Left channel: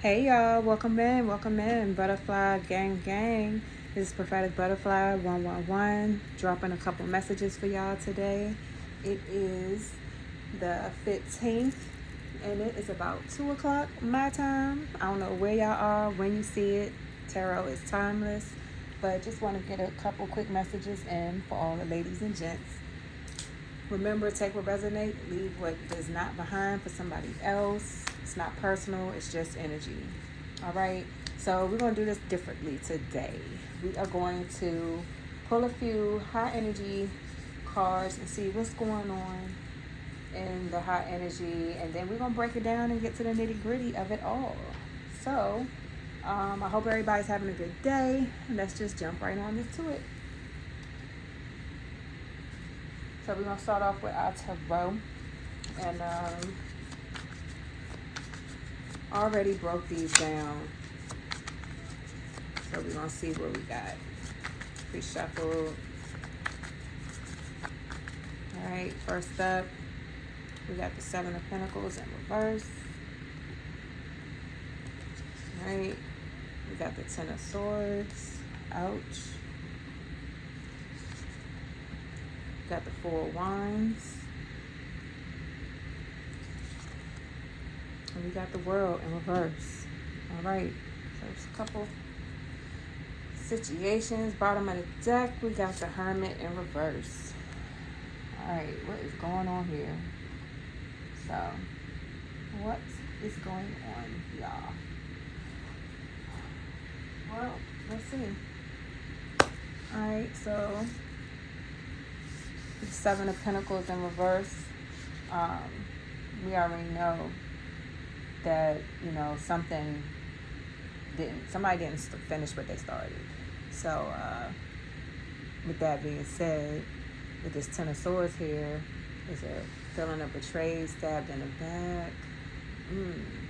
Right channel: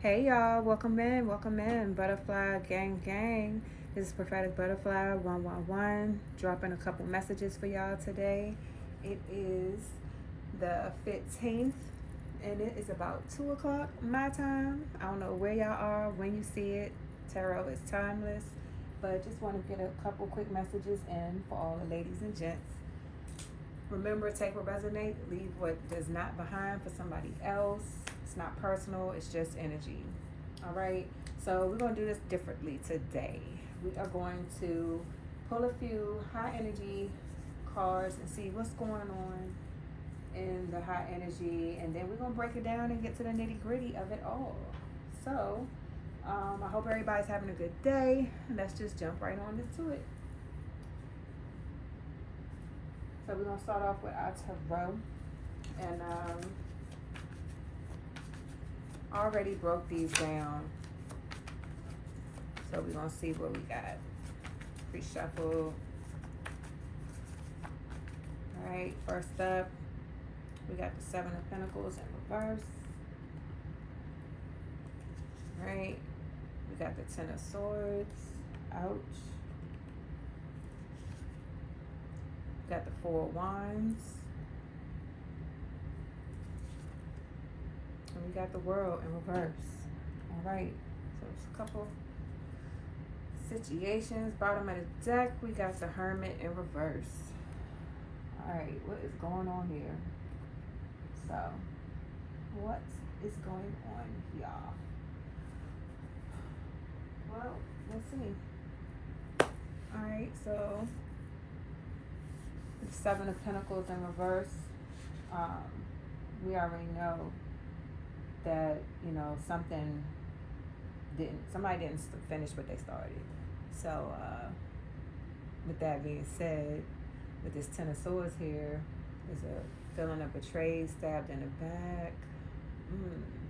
Hey y'all, welcome in, Butterfly Gang Gang. This is Prophetic Butterfly 111, dropping a couple messages for y'all today. It is the 15th, and it is about 2 o'clock my time. I don't know where y'all are, when you see it. Tarot is timeless, but just want to get a couple quick messages in for all the ladies and gents. Remember, take what resonates, leave what does not behind for somebody else. It's not personal, it's just energy. All right, so we're going to do this differently today. We are going to pull a few high energy cards and see what's going on in the high energy, and then we're going to break it down and get to the nitty gritty of it all. So, I hope everybody's having a good day. Let's just jump right on into it. So we're gonna start off with our tarot, and already broke these down. So we're gonna see what we got. Pre-shuffled. All right. First up, we got the Seven of Pentacles in reverse. All right. We got the Ten of Swords. Ouch. Got the Four of Wands. And we got the World in reverse. All right. So there's a couple situations. Bottom of the deck, we got the Hermit in reverse. All right. What is going on here? So, what is going on, y'all? Well, let's see. All right. So, the Seven of Pentacles in reverse. We already know that somebody didn't finish what they started. So with that being said, with this Ten of Swords here, is a feeling of betrayed, stabbed in the back.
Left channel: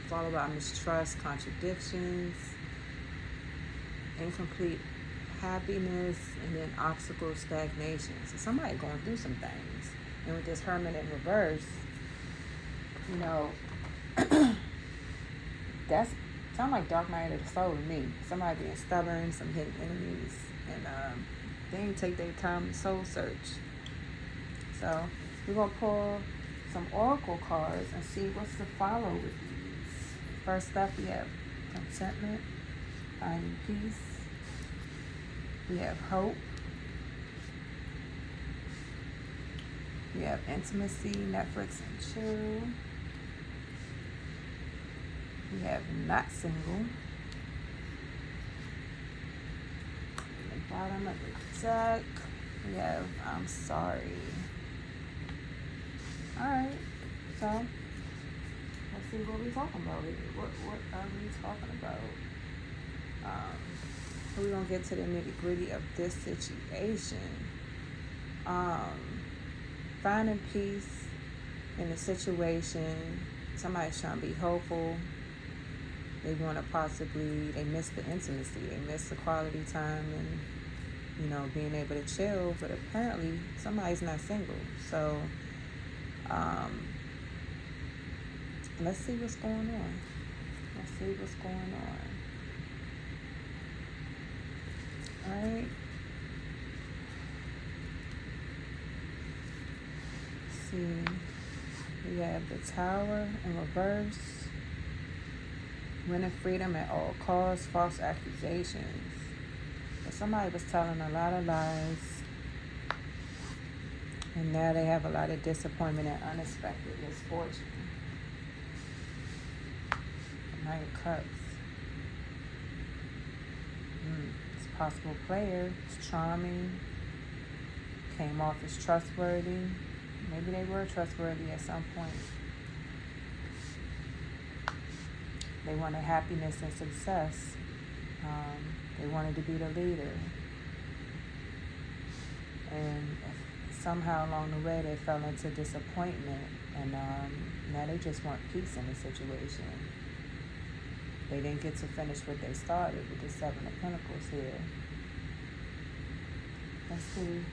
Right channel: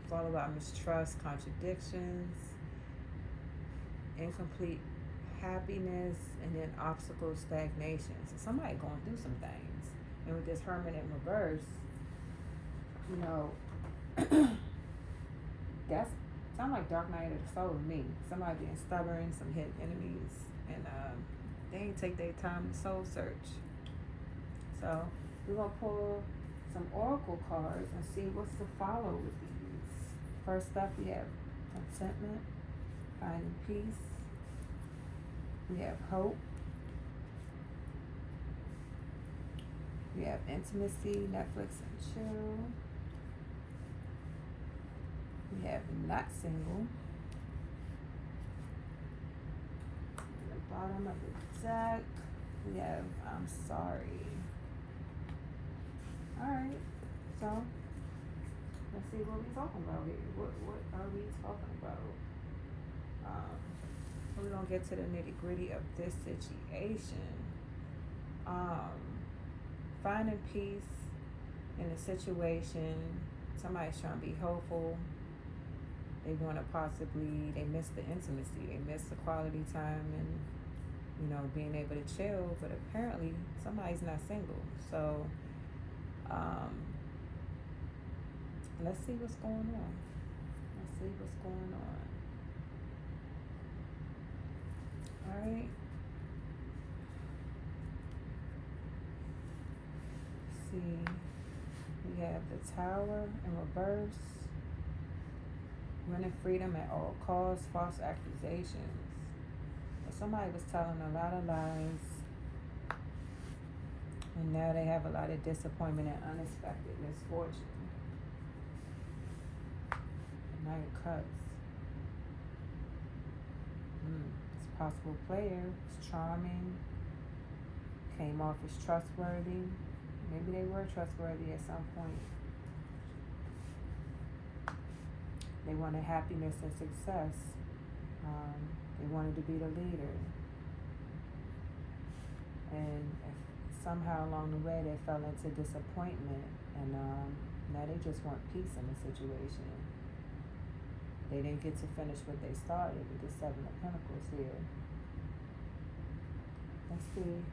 It's all about mistrust, contradictions, incomplete happiness, and then obstacle, stagnation. So somebody going through some things. And with this Hermit in reverse, that's sound like dark night of the soul to me. Somebody being stubborn, some hidden enemies, and they didn't take their time to soul search. So we're gonna pull some oracle cards and see what's to follow with these. First up, we have contentment, finding peace. We have hope. We have intimacy, Netflix and chill. We have not single. At the bottom of the deck, we have I'm sorry. Alright, so let's see what we're talking about here. What are we talking about? So we're gonna get to the nitty gritty of this situation. Finding peace in a situation. Somebody's trying to be hopeful. They want to they miss the intimacy, they miss the quality time and, being able to chill, but apparently somebody's not single. So, let's see what's going on. Alright. Let's see. We have the Tower in reverse. Winning freedom at all costs, false accusations. So somebody was telling a lot of lies, and now they have a lot of disappointment and unexpected misfortune. Nine of Cups. It's a possible player. It's charming. Came off as trustworthy. Maybe they were trustworthy at some point. They wanted happiness and success. They wanted to be the leader. And somehow along the way they fell into disappointment. And now they just want peace in the situation. They didn't get to finish what they started with the Seven of Pentacles here. Let's see.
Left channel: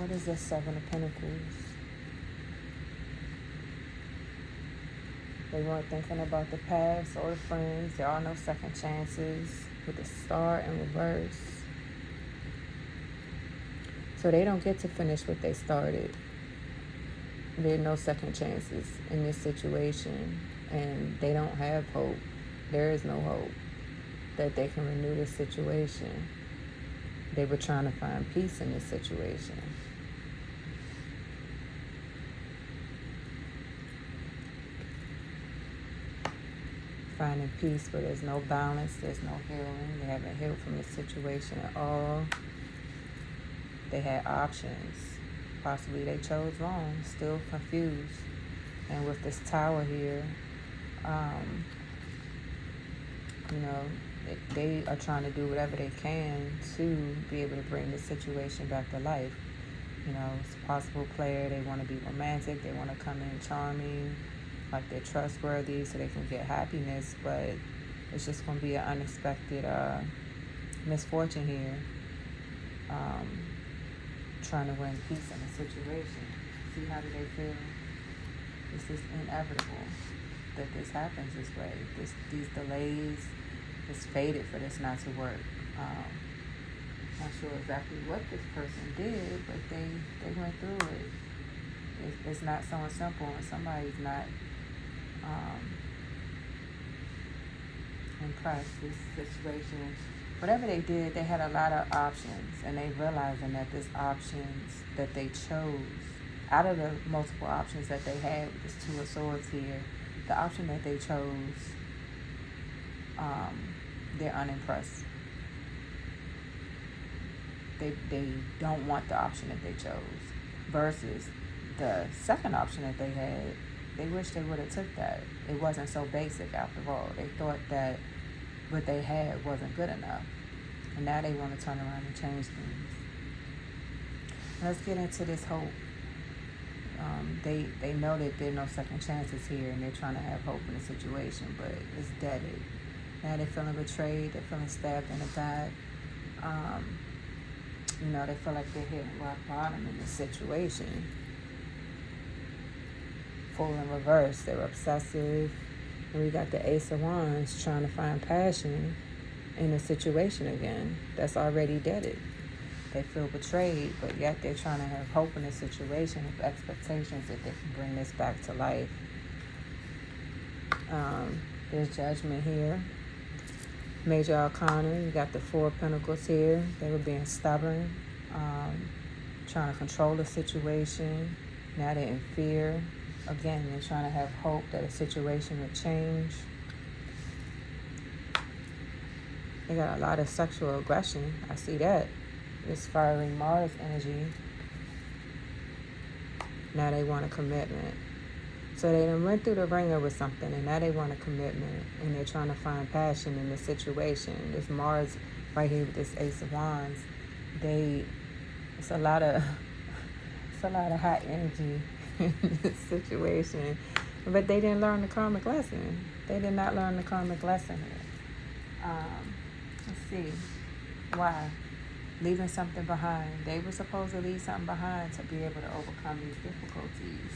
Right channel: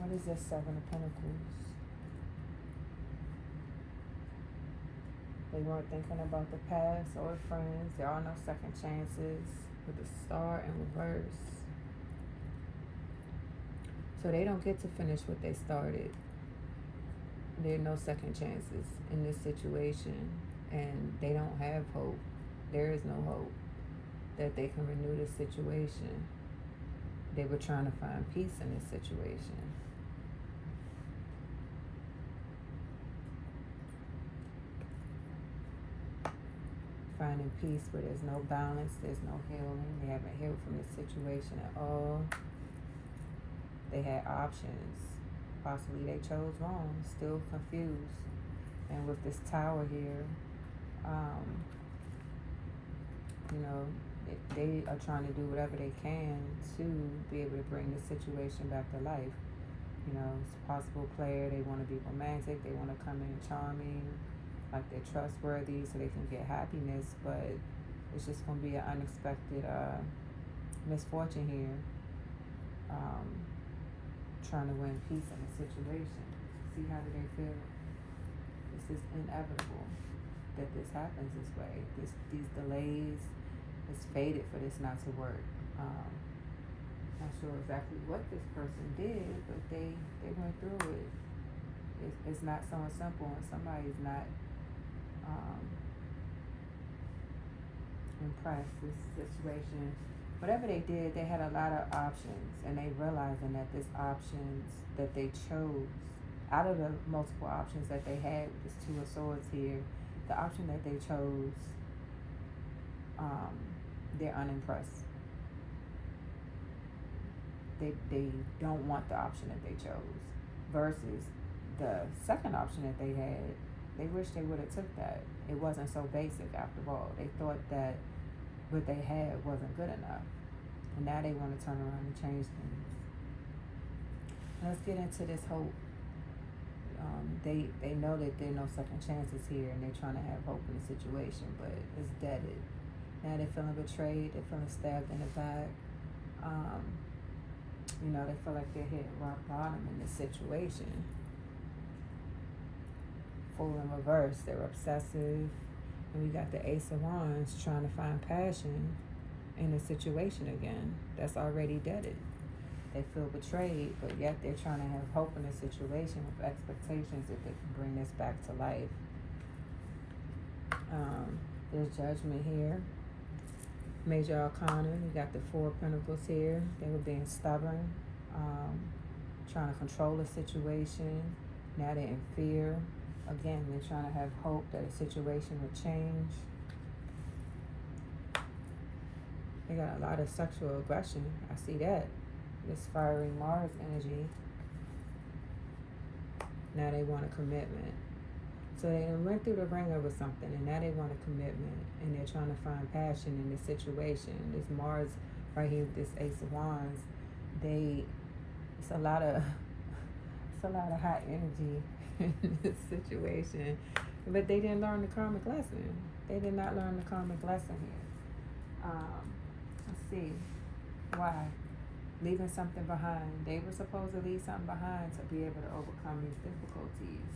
What is this Seven of Pentacles? They weren't thinking about the past or the friends. There are no second chances with the star in reverse. So they don't get to finish what they started. There are no second chances in this situation, and they don't have hope. There is no hope that they can renew this situation. They were trying to find peace in this situation. Finding peace, but there's no balance, there's no healing. They haven't healed from this situation at all. They had options. Possibly they chose wrong, still confused. And with this tower here, they are trying to do whatever they can to be able to bring this situation back to life. It's a possible player. They want to be romantic. They want to come in charming, like they're trustworthy, so they can get happiness. But it's just going to be an unexpected misfortune here. Trying to bring peace in the situation. See, how do they feel? It's just inevitable that this happens this way. These delays, it's fated for this not to work. Not sure exactly what this person did, but they went through it. It's not so simple when somebody's not impressed. This situation, whatever they did, they had a lot of options, and they realizing that this options that they chose, out of the multiple options that they had with this Two of Swords here, the option that they chose, they're unimpressed. They don't want the option that they chose, versus the second option that they had. They wish they would have took that. It wasn't so basic after all. They thought that what they had wasn't good enough, and now they want to turn around and change things. Let's get into this hope. They know that there are no second chances here, and they're trying to have hope in the situation, but it's deaded. Now they're feeling betrayed. They're feeling stabbed in the back. They feel like they're hit rock bottom in this situation. Full in reverse. They're obsessive. And we got the Ace of Wands trying to find passion in a situation again that's already deaded. They feel betrayed, but yet they're trying to have hope in a situation with expectations that they can bring this back to life. There's Judgment here. Major Arcana, you got the Four of Pentacles here. They were being stubborn, trying to control the situation. Now they're in fear. Again, they're trying to have hope that a situation would change. They got a lot of sexual aggression. I see that. This fiery Mars energy. Now they want a commitment. So they done went through the ringer with something, and now they want a commitment, and they're trying to find passion in the situation. This Mars right here with this Ace of Wands, it's a lot of hot energy in this situation, but they didn't learn the karmic lesson. They did not learn the karmic lesson here. Let's see why. Leaving something behind. They were supposed to leave something behind to be able to overcome these difficulties.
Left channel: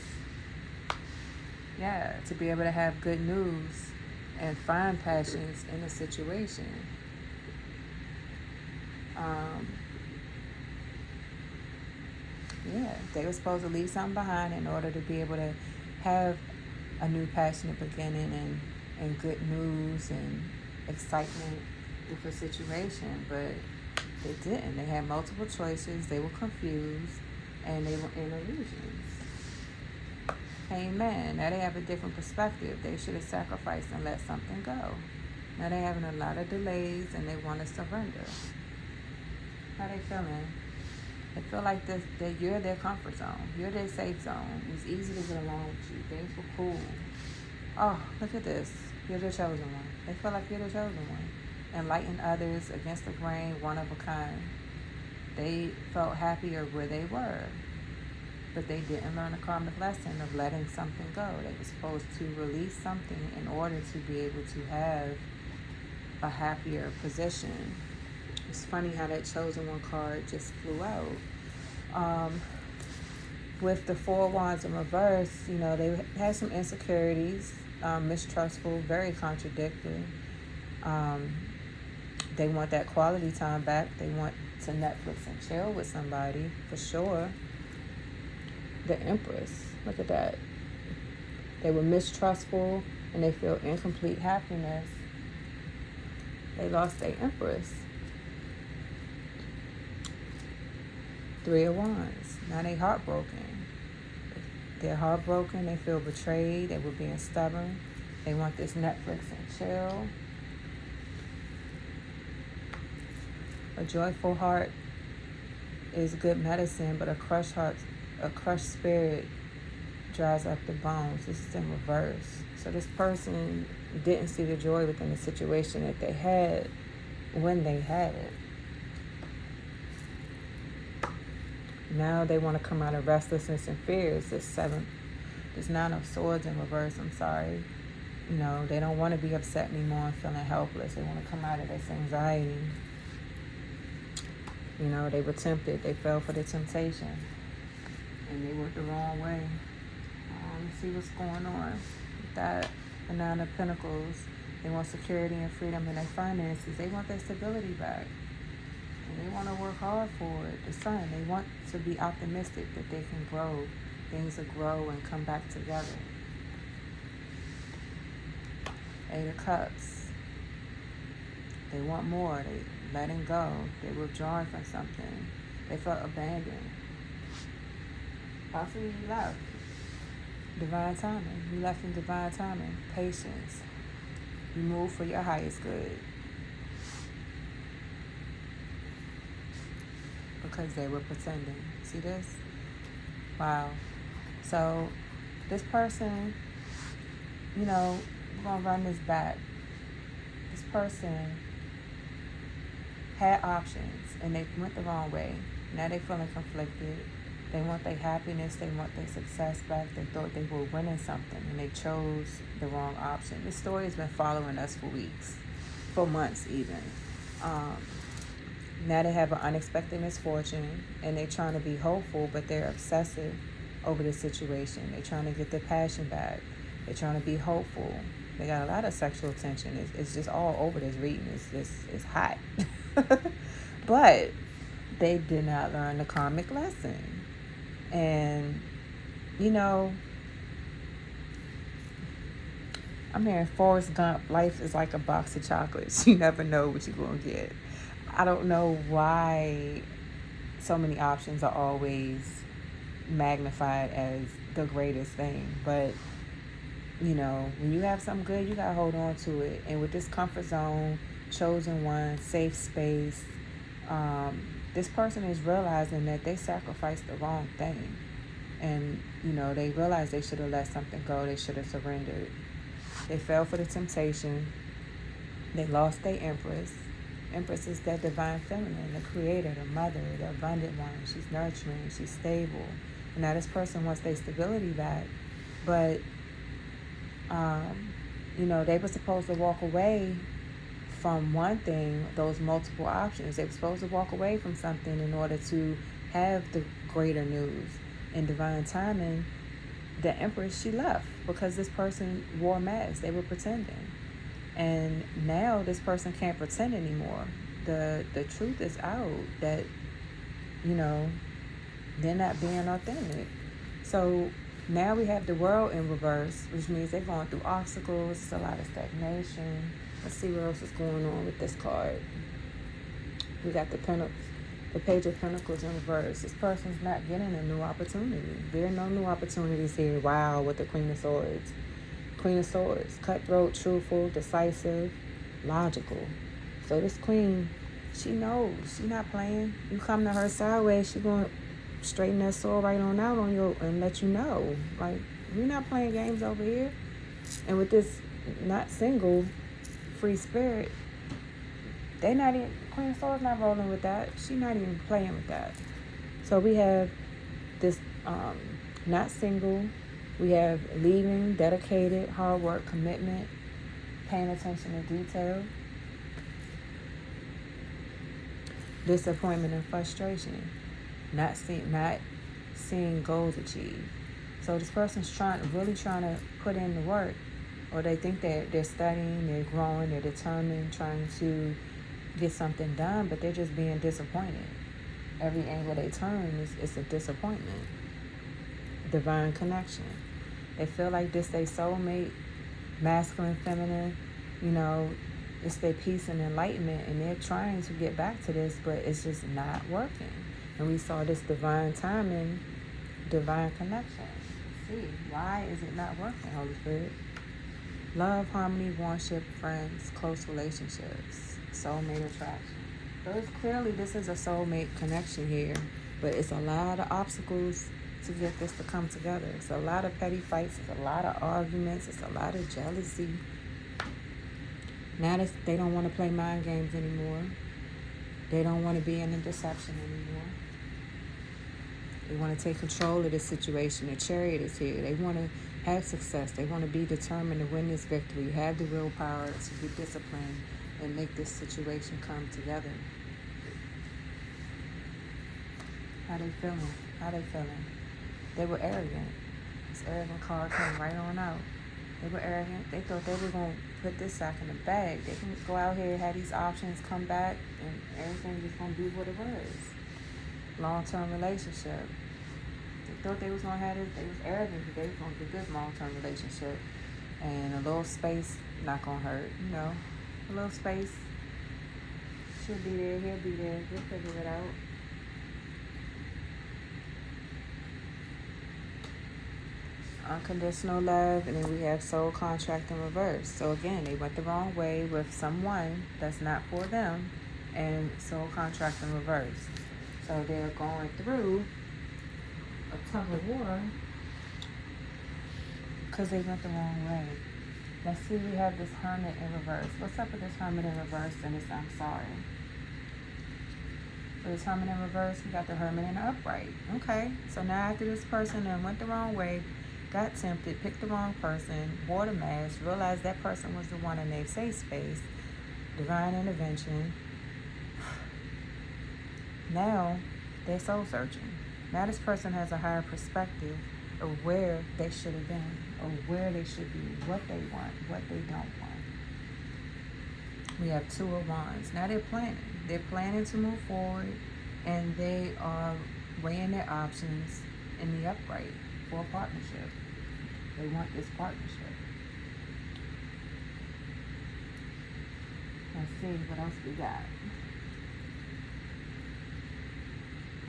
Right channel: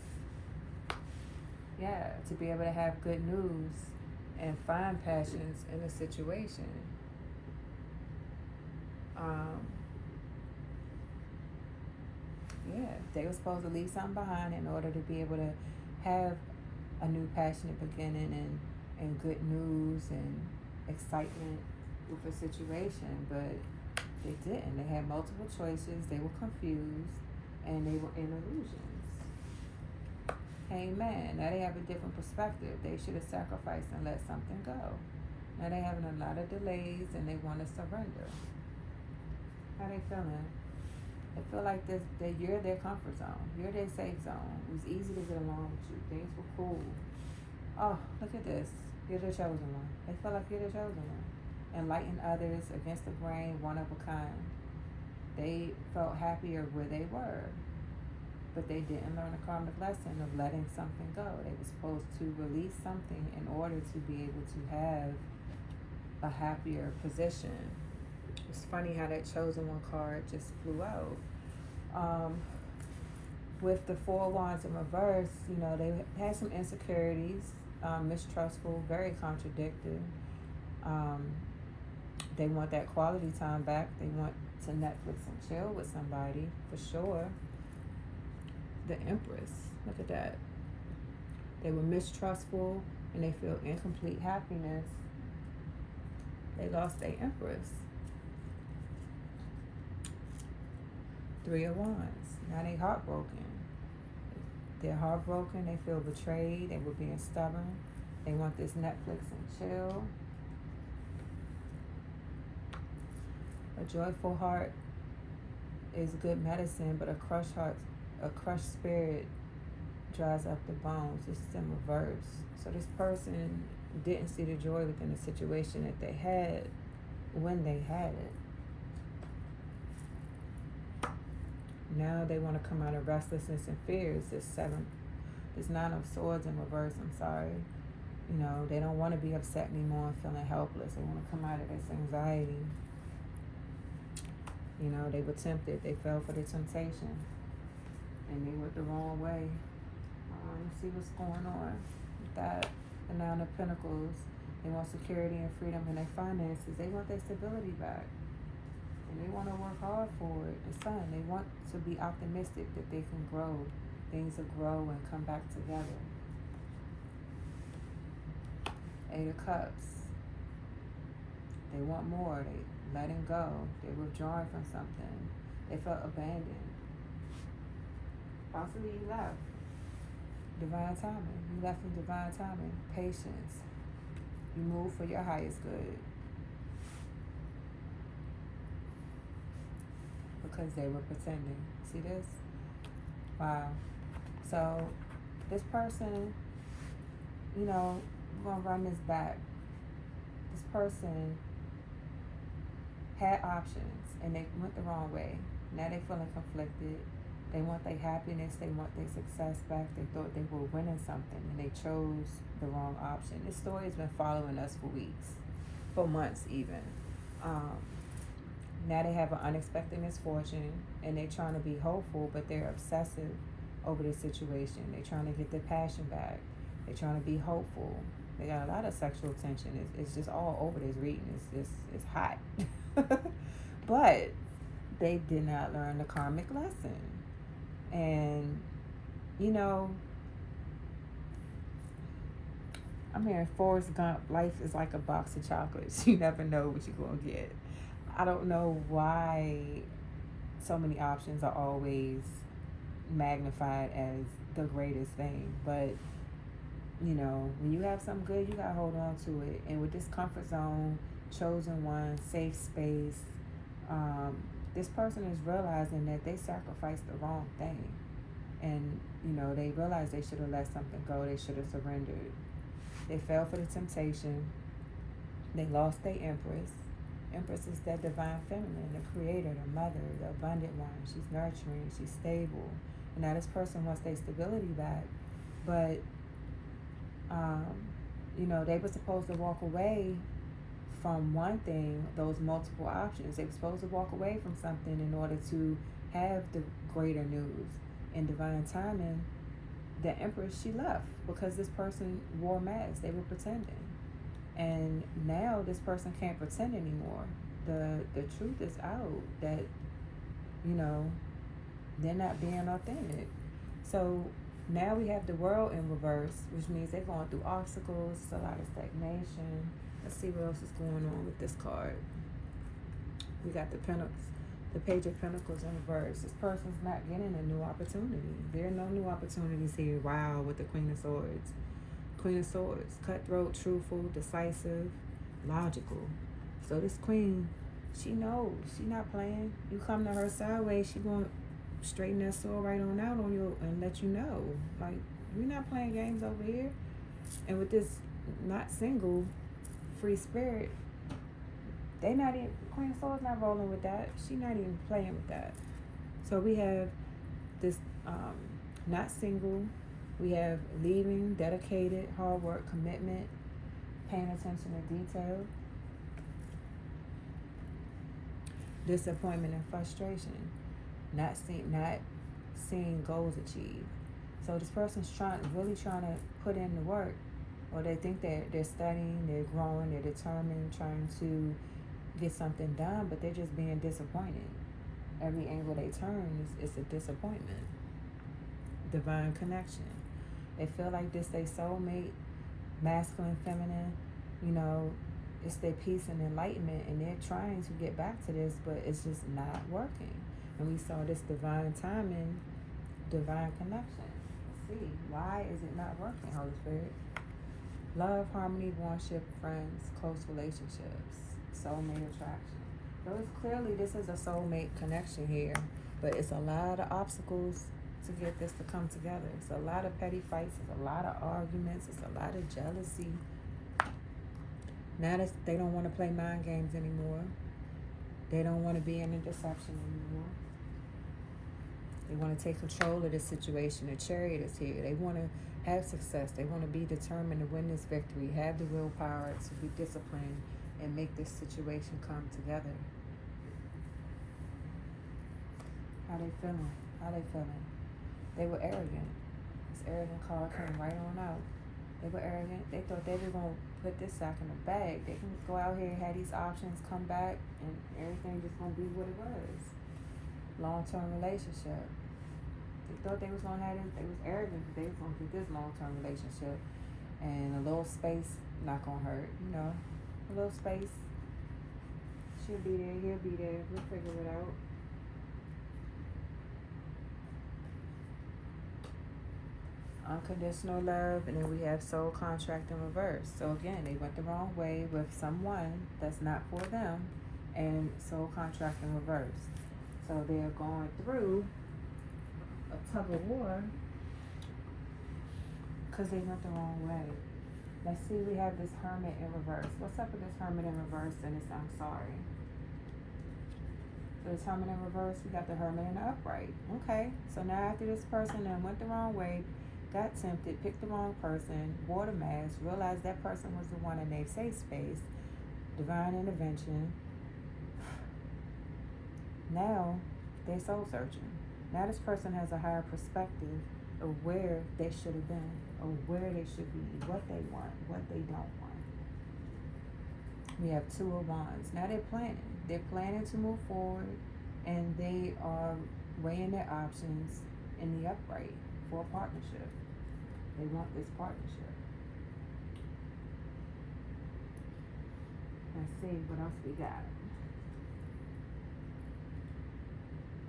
Yeah, to be able to have good news and find passions in a situation. They were supposed to leave something behind in order to be able to have a new passionate beginning and good news and excitement with the situation, but they didn't. They had multiple choices, they were confused, and they were in illusions. Amen. Now they have a different perspective. They should have sacrificed and let something go. Now they're having a lot of delays, and they want to surrender. How they feeling? They feel like that you're their comfort zone. You're their safe zone. It's easy to get along with you. Things were cool. Oh, look at this. You're the chosen one. They feel like you're the chosen one. Enlighten others, against the grain, one of a kind. They felt happier where they were, but they didn't learn the karmic lesson of letting something go. They were supposed to release something in order to be able to have a happier position. It's funny how that chosen one card just flew out. With the Four of Wands in reverse, they had some insecurities. mistrustful, very contradicting. Um, they want that quality time back. They want to Netflix and chill with somebody, for sure. The Empress, look at that. They were mistrustful and they feel incomplete happiness. They lost their Empress. Three of Wands. Now they heartbroken. They're heartbroken. They feel betrayed. They were being stubborn. They want this Netflix and chill. A joyful heart is good medicine, but a crushed heart, a crushed spirit dries up the bones. This is in reverse. So this person didn't see the joy within the situation that they had when they had it. Now they want to come out of restlessness and fears. This Nine of Swords in reverse, I'm sorry. You know, they don't want to be upset anymore and feeling helpless. They want to come out of this anxiety. You know, they were tempted. They fell for the temptation. And they went the wrong way. Let's see what's going on. That, the Nine of Pentacles. They want security and freedom in their finances. They want their stability back. And they want to work hard for it. The Sun, they want to be optimistic that they can grow. Things will grow and come back together. Eight of Cups. They want more. They letting go. They withdrawing from something. They felt abandoned. Possibly you left. Divine timing. You left in divine timing. Patience. You move for your highest good. Because they were pretending. See this? Wow. So this person, you know, we're going to run this back. This person had options and they went the wrong way. Now they're feeling conflicted. They want their happiness. They want their success back. They thought they were winning something and they chose the wrong option. This story has been following us for weeks, for months even. Now they have an unexpected misfortune and they're trying to be hopeful, but they're obsessive over the situation. They're trying to get their passion back. They're trying to be hopeful. They got a lot of sexual tension. It's just all over this reading. It's hot. But they did not learn the karmic lesson. And, you know, I'm hearing Forrest Gump, life is like a box of chocolates. You never know what you're going to get. I don't know why so many options are always magnified as the greatest thing. But, you know, when you have something good, you got to hold on to it. And with this comfort zone, chosen one, safe space, this person is realizing that they sacrificed the wrong thing. And, you know, they realized they should have let something go. They should have surrendered. They fell for the temptation. They lost their Empress. Empress is that divine feminine, the creator, the mother, the abundant one. She's nurturing. She's stable. And now this person wants their stability back. But, you know, they were supposed to walk away from one thing, those multiple options. They were supposed to walk away from something in order to have the greater news. In divine timing, the Empress, she left because this person wore masks. They were pretending. And now this person can't pretend anymore. The truth is out that, you know, they're not being authentic. So now we have the World in reverse, which means they're going through obstacles. It's a lot of stagnation. Let's see what else is going on with this card. We got the Page of Pentacles in reverse. This person's not getting a new opportunity. There are no new opportunities here. Wow, with the Queen of Swords. Queen of Swords, cutthroat, truthful, decisive, logical. So this queen, she knows. She's not playing. You come to her sideways, she's going to straighten that sword right on out on you and let you know. Like, we're not playing games over here. And with this not single, free spirit, they not even, Queen of Swords not rolling with that. She not even playing with that. So we have this not single. We have leaving, dedicated, hard work, commitment, paying attention to detail, disappointment and frustration, not seeing goals achieved. So this person's really trying to put in the work or they think that they're studying, they're growing, they're determined, trying to get something done, but they're just being disappointed. Every angle they turn is a disappointment. Divine connection. They feel like this they soulmate, masculine, feminine, you know, it's their peace and enlightenment, and they're trying to get back to this, but it's just not working. And we saw this divine timing, divine connection. Let's see, why is it not working, Holy Spirit? Love, harmony, warship, friends, close relationships, soulmate attraction. So it's clearly this is a soulmate connection here, but it's a lot of obstacles to get this to come together. It's a lot of petty fights, it's a lot of arguments, it's a lot of jealousy. Now they don't want to play mind games anymore. They don't want to be in the deception anymore. They want to take control of the situation. The chariot is here. They want to have success. They want to be determined to win this victory, have the willpower to be disciplined and make this situation come together. How they feeling? How they feeling? They were arrogant. This arrogant card came right on out. They were arrogant. They thought they were going to put this sack in the bag. They can go out here, have these options, come back, and everything is going to be what it was. Long-term relationship. They thought they was going to have this. They was arrogant that they was going to get this long-term relationship. And a little space not going to hurt, you know. A little space. She'll be there, he'll be there. We'll figure it out. Unconditional love, and then we have soul contract in reverse. So again, they went the wrong way with someone that's not for them, and soul contract in reverse. So they're going through a tug of war because they went the wrong way. Let's see, we have this hermit in reverse. What's up with this hermit in reverse and this I'm sorry? For this hermit in reverse, we got the hermit in the upright. Okay, so now after this person that went the wrong way, got tempted, picked the wrong person, wore the mask, realized that person was the one in their safe space, divine intervention. Now they're soul searching. Now this person has a higher perspective of where they should have been, or where they should be, what they want, what they don't want. We have two of wands. Now they're planning. They're planning to move forward, and they are weighing their options in the upright for a partnership. They want this partnership. Let's see what else we got.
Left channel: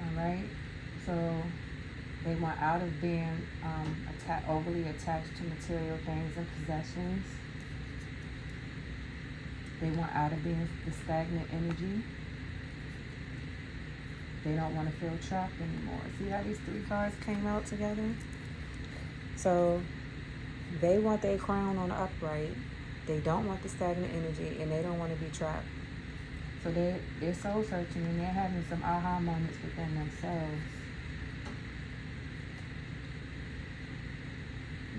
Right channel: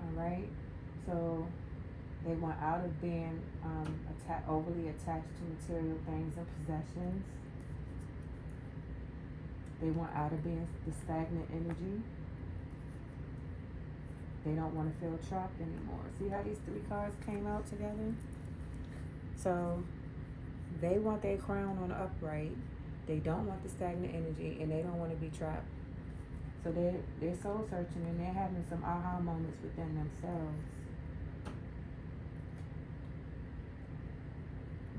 Alright, so they want out of being overly attached to material things and possessions. They want out of being the stagnant energy. They don't want to feel trapped anymore. See how these three cards came out together? So they want their crown on the upright. They don't want the stagnant energy, and they don't want to be trapped. So they're soul searching, and they're having some aha moments within themselves.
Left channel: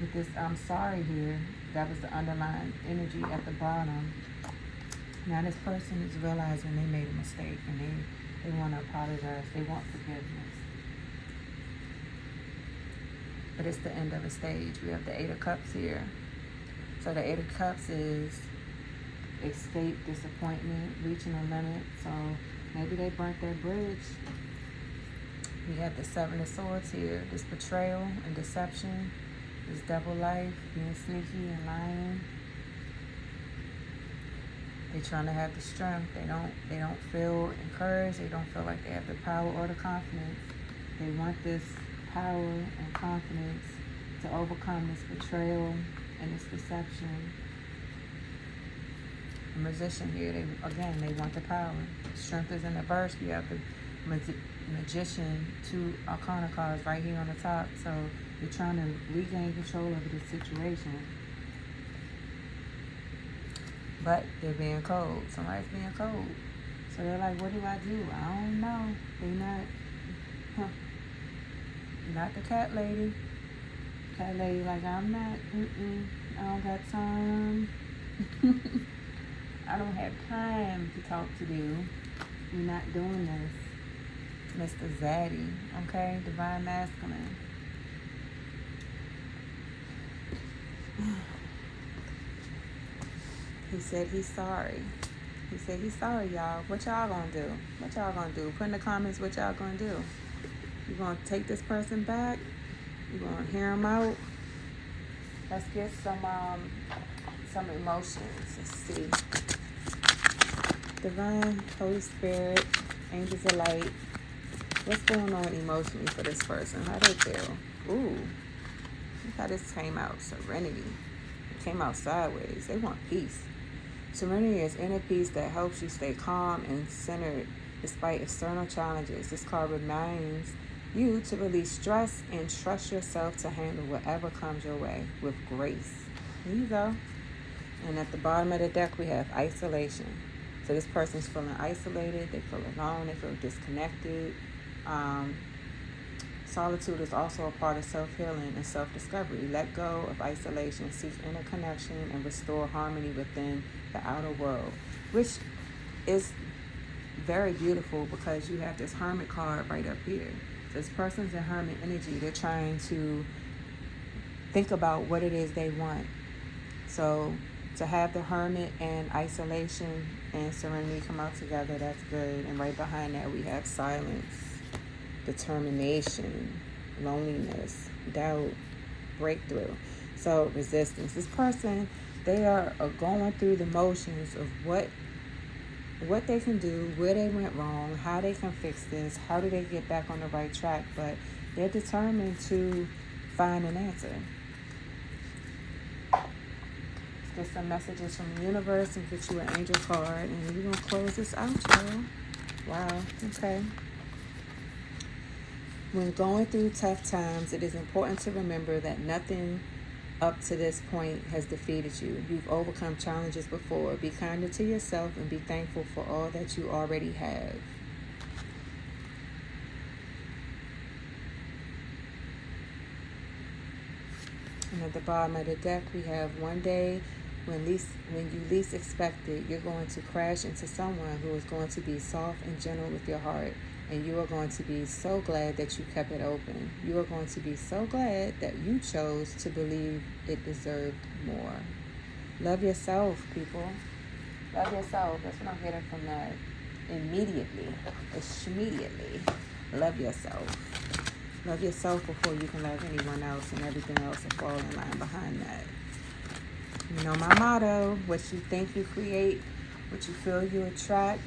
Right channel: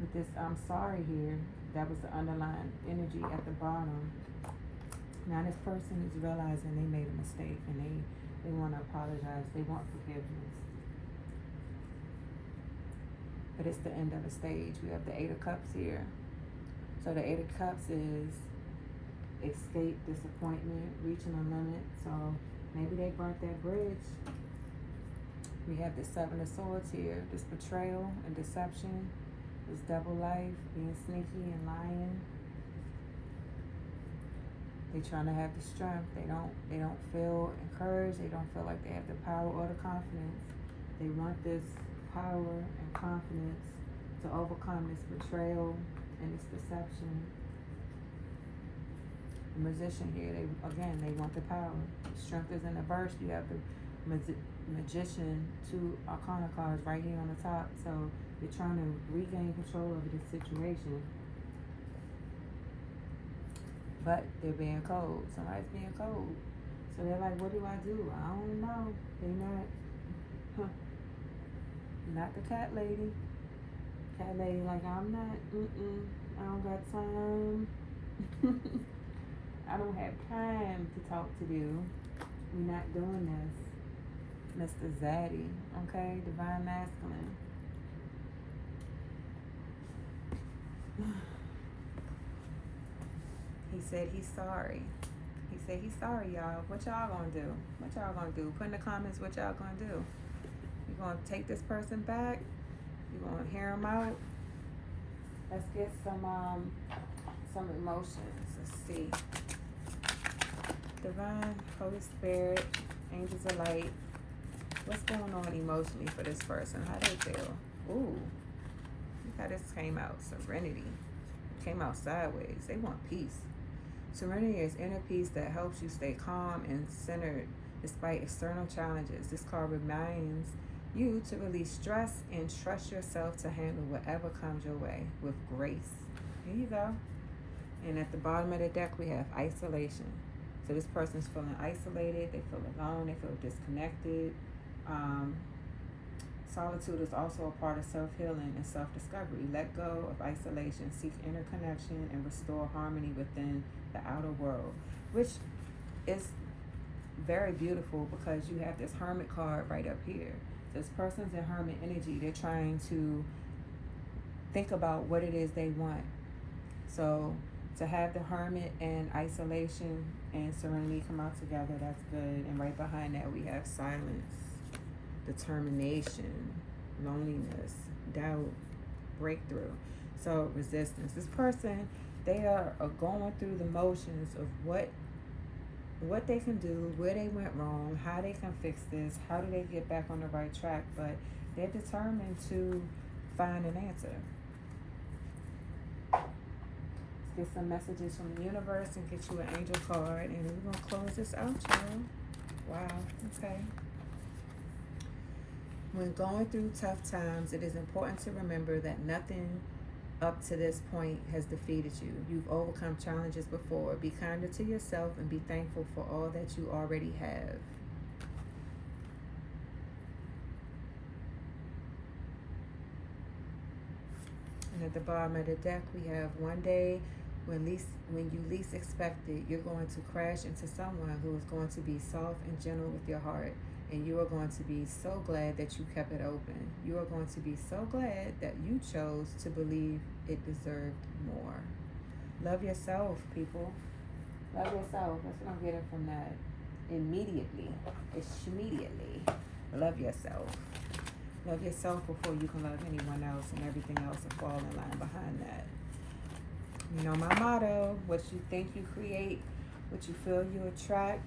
With this I'm sorry here, that was the underlying energy at the bottom. Now this person is realizing they made a mistake, and they want to apologize. They want forgiveness. But it's the end of a stage. We have the Eight of Cups here. So the Eight of Cups is escape, disappointment, reaching a limit. So maybe they burnt their bridge. We have the Seven of Swords here. This betrayal and deception. This double life, being sneaky and lying. They're trying to have the strength. They don't feel encouraged. They don't feel like they have the power or the confidence. They want this power and confidence to overcome this betrayal and this deception. The Magician here, they want the power. Strength is in the verse. We have the Magician, two Arcana cards right here on the top. So they're trying to regain control over the situation. But they're being cold. Somebody's being cold. So they're like, what do I do? I don't know. They're not the cat lady. Cat lady like, I'm not, I don't got time. I don't have time to talk to you. You're not doing this. Mr. Zaddy, okay? Divine Masculine. He said he's sorry. He said he's sorry, y'all. What y'all gonna do? What y'all gonna do? Put in the comments what y'all gonna do. You gonna take this person back? You gonna hear him out? Let's get some emotions. Let's see. Divine, Holy Spirit, Angels of Light. What's going on emotionally for this person? How they feel? Ooh, look how this came out. Serenity. It came out sideways. They want peace. Serenity is inner peace that helps you stay calm and centered despite external challenges. This card reminds you to release stress and trust yourself to handle whatever comes your way with grace. There you go. And at the bottom of the deck, we have isolation. So this person's feeling isolated. They feel alone. They feel disconnected. Solitude is also a part of self-healing and self-discovery. Let go of isolation, seek inner connection, and restore harmony within the outer world, which is very beautiful because you have this hermit card right up here. So this person's in hermit energy. They're trying to think about what it is they want. So to have the hermit and isolation and serenity come out together, that's good. And right behind that, we have silence, determination, loneliness, doubt, breakthrough. So resistance. This person, they are going through the motions of what they can do, where they went wrong, how they can fix this, how do they get back on the right track, but they're determined to find an answer. Let's get some messages from the universe and get you an angel card, and then we're going to close this out, y'all. Wow, okay. When going through tough times, it is important to remember that nothing up to this point has defeated you. You've overcome challenges before. Be kinder to yourself and be thankful for all that you already have. And at the bottom of the deck, we have one day when you least expect it, you're going to crash into someone who is going to be soft and gentle with your heart. And you are going to be so glad that you kept it open. You are going to be so glad that you chose to believe it deserved more. Love yourself, people. Love yourself. That's what I'm getting from that. Immediately. It's immediately. Love yourself. Love yourself before you can love anyone else, and everything else will fall in line behind that. You know my motto: what you think you create, what you feel you attract,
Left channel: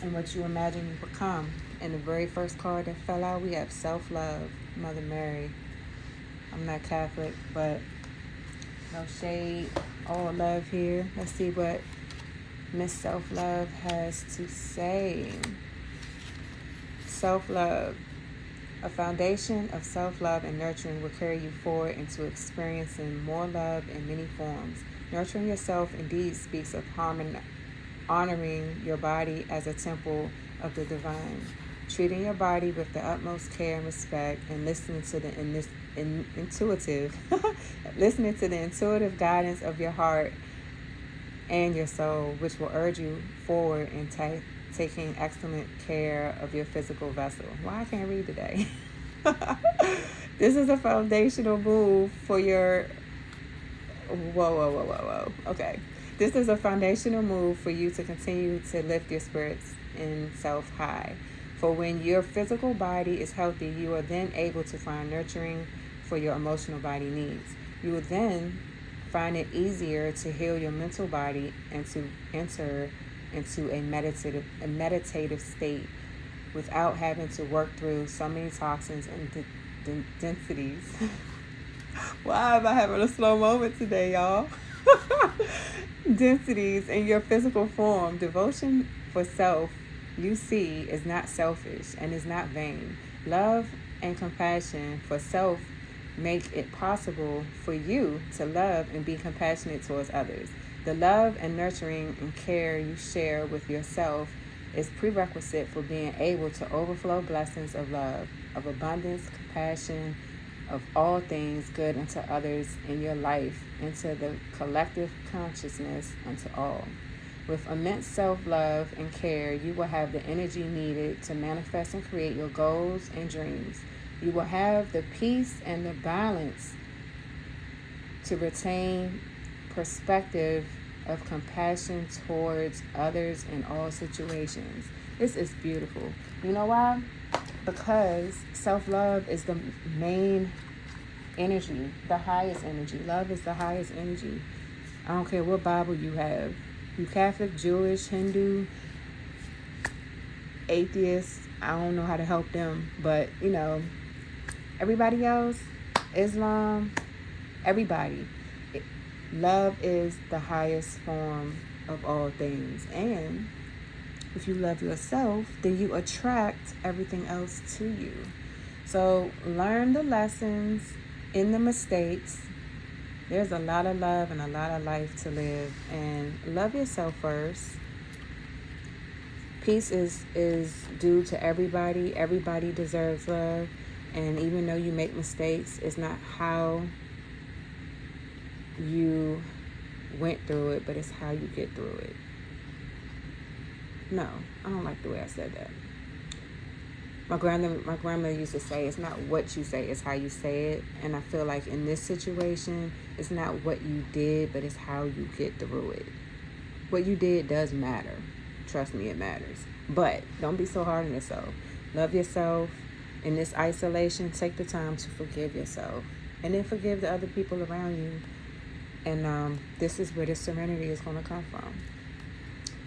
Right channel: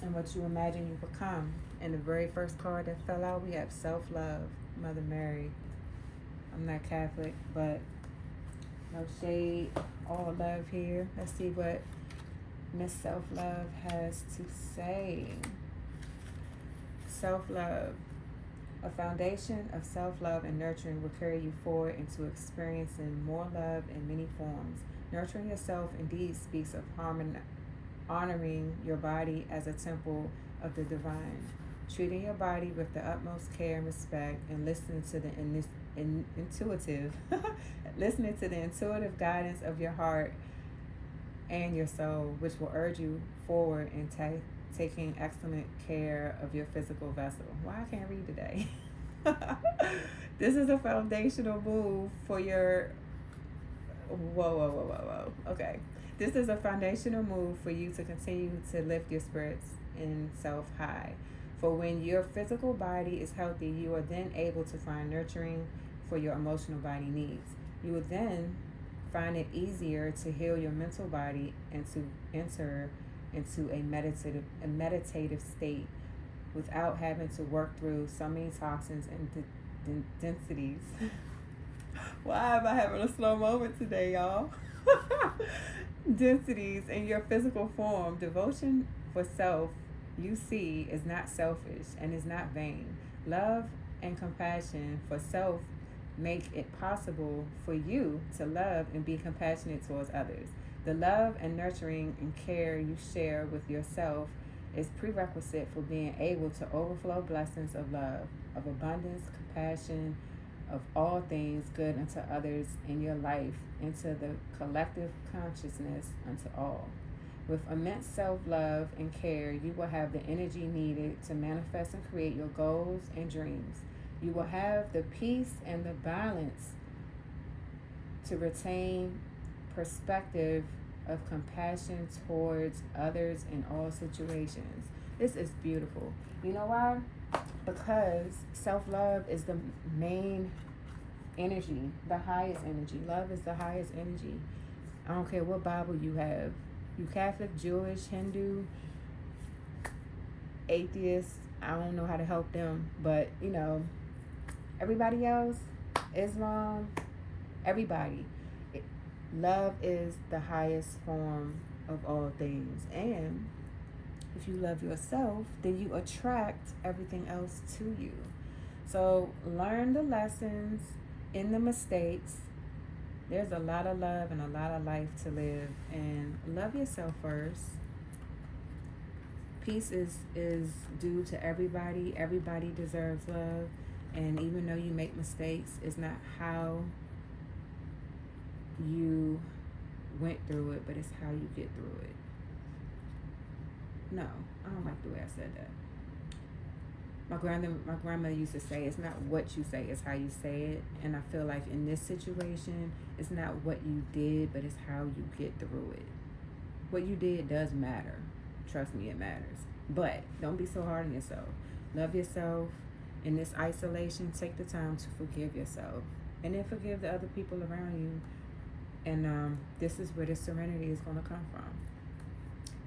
and what you imagine you become. And the very first card that fell out, we have self-love, Mother Mary. I'm not Catholic, but no shade, all love here. Let's see what Miss Self-Love has to say. Self-love. A foundation of self-love and nurturing will carry you forward into experiencing more love in many forms. Nurturing yourself indeed speaks of honoring your body as a temple of the divine, treating your body with the utmost care and respect, and listening to the intuitive guidance of your heart and your soul, which will urge you forward in taking excellent care of your physical vessel. Why I can't read today? This is a foundational move for your whoa. Okay. This is a foundational move for you to continue to lift your spirits in self high. For when your physical body is healthy, you are then able to find nurturing for your emotional body needs. You will then find it easier to heal your mental body and to enter into a meditative state without having to work through so many toxins and densities. Why am I having a slow moment today, y'all? Densities in your physical form. Devotion for self, you see, is not selfish and is not vain. Love and compassion for self make it possible for you to love and be compassionate towards others. The love and nurturing and care you share with yourself is prerequisite for being able to overflow blessings of love, of abundance, compassion, of all things good unto others in your life, into the collective consciousness unto all. With immense self-love and care, you will have the energy needed to manifest and create your goals and dreams. You will have the peace and the balance to retain perspective of compassion towards others in all situations. This is beautiful. You know why? Because self-love is the main energy, the highest energy. Love is the highest energy. I don't care what Bible you have. You Catholic, Jewish, Hindu, atheist, I don't know how to help them, but you know, everybody else, Islam, everybody, love is the highest form of all things. And if you love yourself, then you attract everything else to you. So learn the lessons in the mistakes. There's a lot of love and a lot of life to live, and love yourself first. Peace is due to everybody. Everybody deserves love. And even though you make mistakes, it's not how you went through it, but it's how you get through it. No, I don't like the way I said that. My grandmother used to say, it's not what you say, it's how you say it. And I feel like in this situation, it's not what you did, but it's how you get through it. What you did does matter. Trust me, it matters. But don't be so hard on yourself. Love yourself. In this isolation, take the time to forgive yourself. And then forgive the other people around you. And this is where the serenity is going to come from.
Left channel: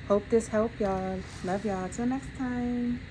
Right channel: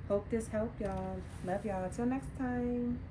Hope this helped y'all. Love y'all. Till next time.